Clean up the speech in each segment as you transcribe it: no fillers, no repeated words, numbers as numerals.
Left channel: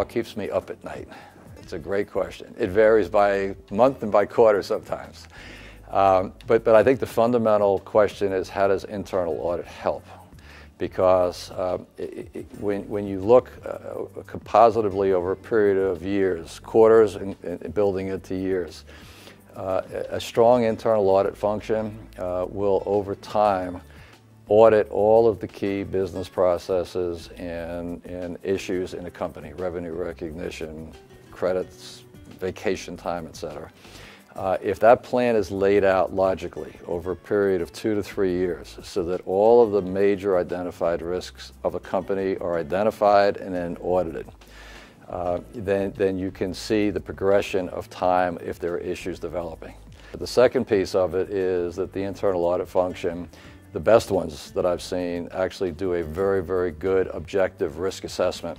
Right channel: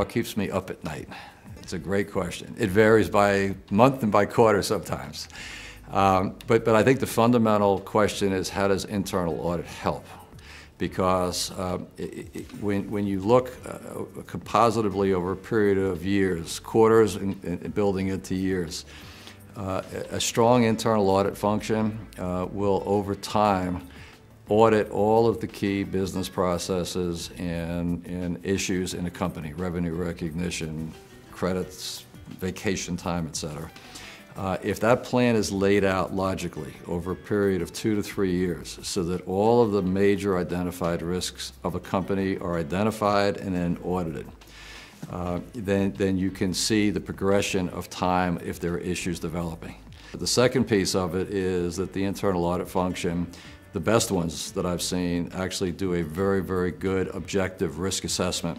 what keeps me up at night? It's a great question. It varies by month and by quarter sometimes. But I think the fundamental question is, how does internal audit help? Because when you look compositively over a period of years, quarters and building into years, a strong internal audit function will, over time, audit all of the key business processes and issues in the company, revenue recognition, credits, vacation time, etc. If that plan is laid out logically over a period of 2 to 3 years, so that all of the major identified risks of a company are identified and then audited, then you can see the progression of time if there are issues developing. The second piece of it is that the internal audit function, the best ones that I've seen, actually do a very, very good objective risk assessment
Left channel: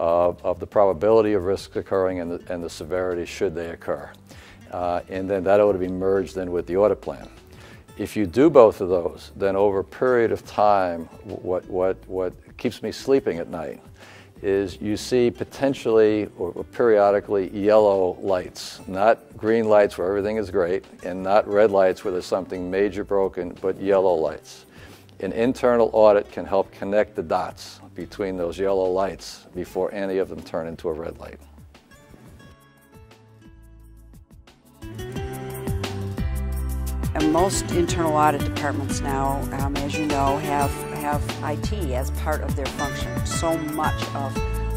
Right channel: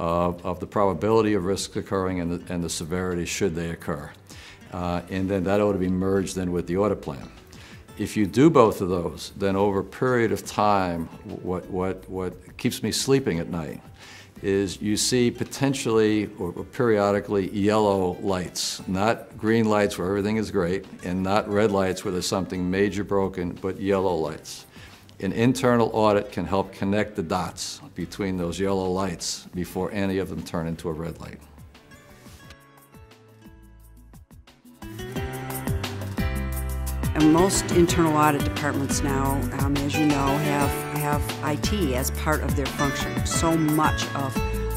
of the probability of risks occurring and the severity should they occur. And then that ought to be merged in with the audit plan. If you do both of those, then over a period of time, what keeps me sleeping at night is you see potentially or periodically yellow lights, not green lights where everything is great, and not red lights where there's something major broken, but yellow lights. An internal audit can help connect the dots between those yellow lights before any of them turn into a red light. And most internal audit departments now, as you know, have IT as part of their function. So much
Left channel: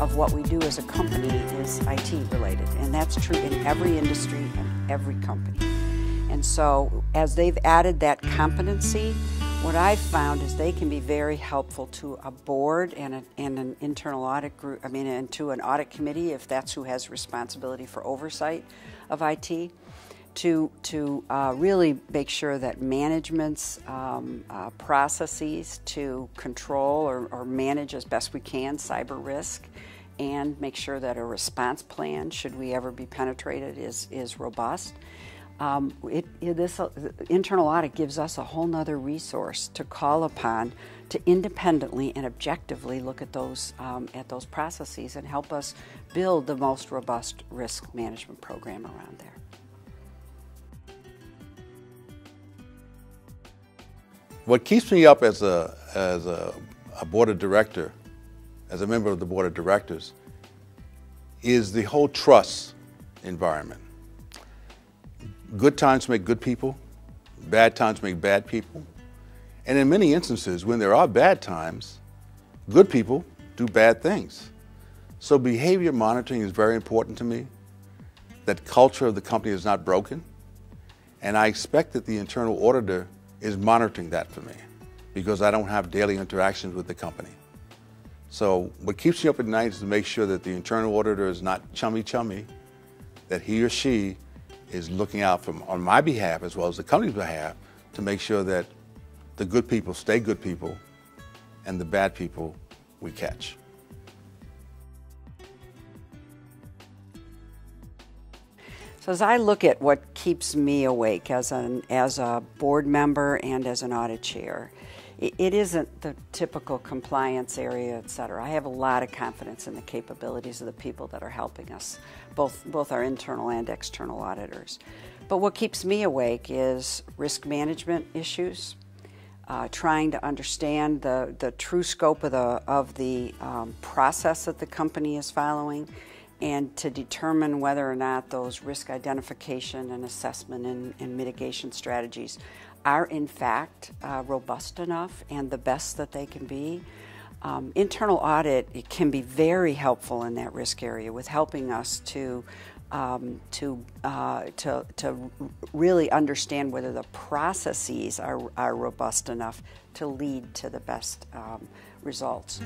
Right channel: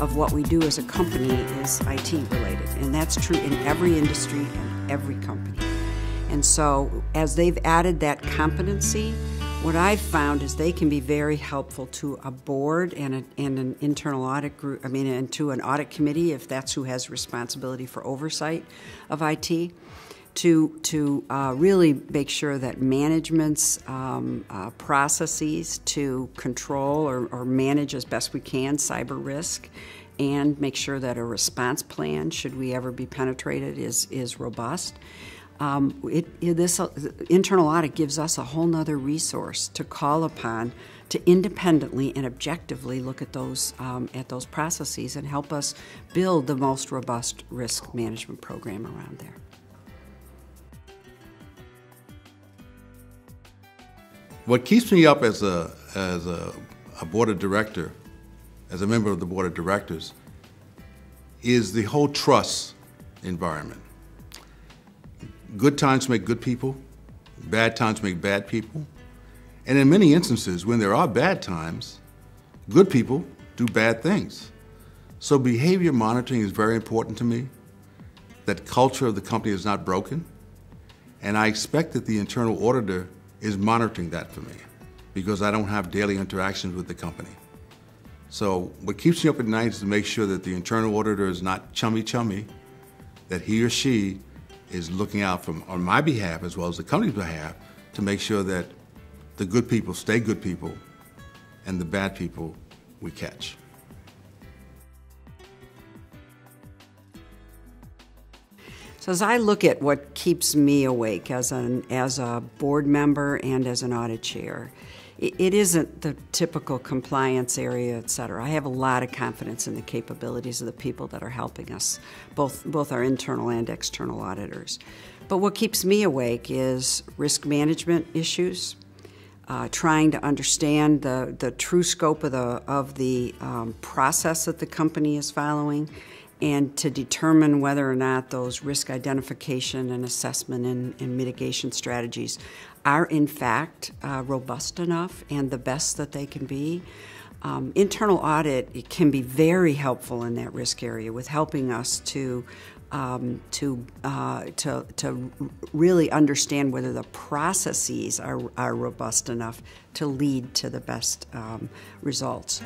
of what we do as a company is IT related, and that's true in every industry and every company. And so as they've added that competency, what I've found is they can be very helpful to a board and an internal audit group, and to an audit committee, if that's who has responsibility for oversight of IT, to really make sure that management's processes to control or manage as best we can cyber risk, and make sure that a response plan, should we ever be penetrated, is robust. This internal audit gives us a whole nother resource to call upon to independently and objectively look at those processes and help us build the most robust risk management program around there. What keeps me up as a board of director, as a member of the board of directors, is the whole trust environment. Good times make good people, bad times make bad people. And in many instances, when there are bad times, good people do bad things. So behavior monitoring is very important to me. That culture of the company is not broken. And I expect that the internal auditor is monitoring that for me, because I don't have daily interactions with the company. So what keeps me up at night is to make sure that the internal auditor is not chummy, that he or she is looking out on my behalf as well as the company's behalf to make sure that the good people stay good people and the bad people we catch. So as I look at what keeps me awake as a board member and as an audit chair, it isn't the typical compliance area, et cetera. I have a lot of confidence in the capabilities of the people that are helping us, both our internal and external auditors. But what keeps me awake is risk management issues, trying to understand the true scope of the process that the company is following, and to determine whether or not those risk identification and assessment and mitigation strategies are in fact robust enough and the best that they can be. Internal audit can be very helpful in that risk area with helping us to really understand whether the processes are robust enough to lead to the best results.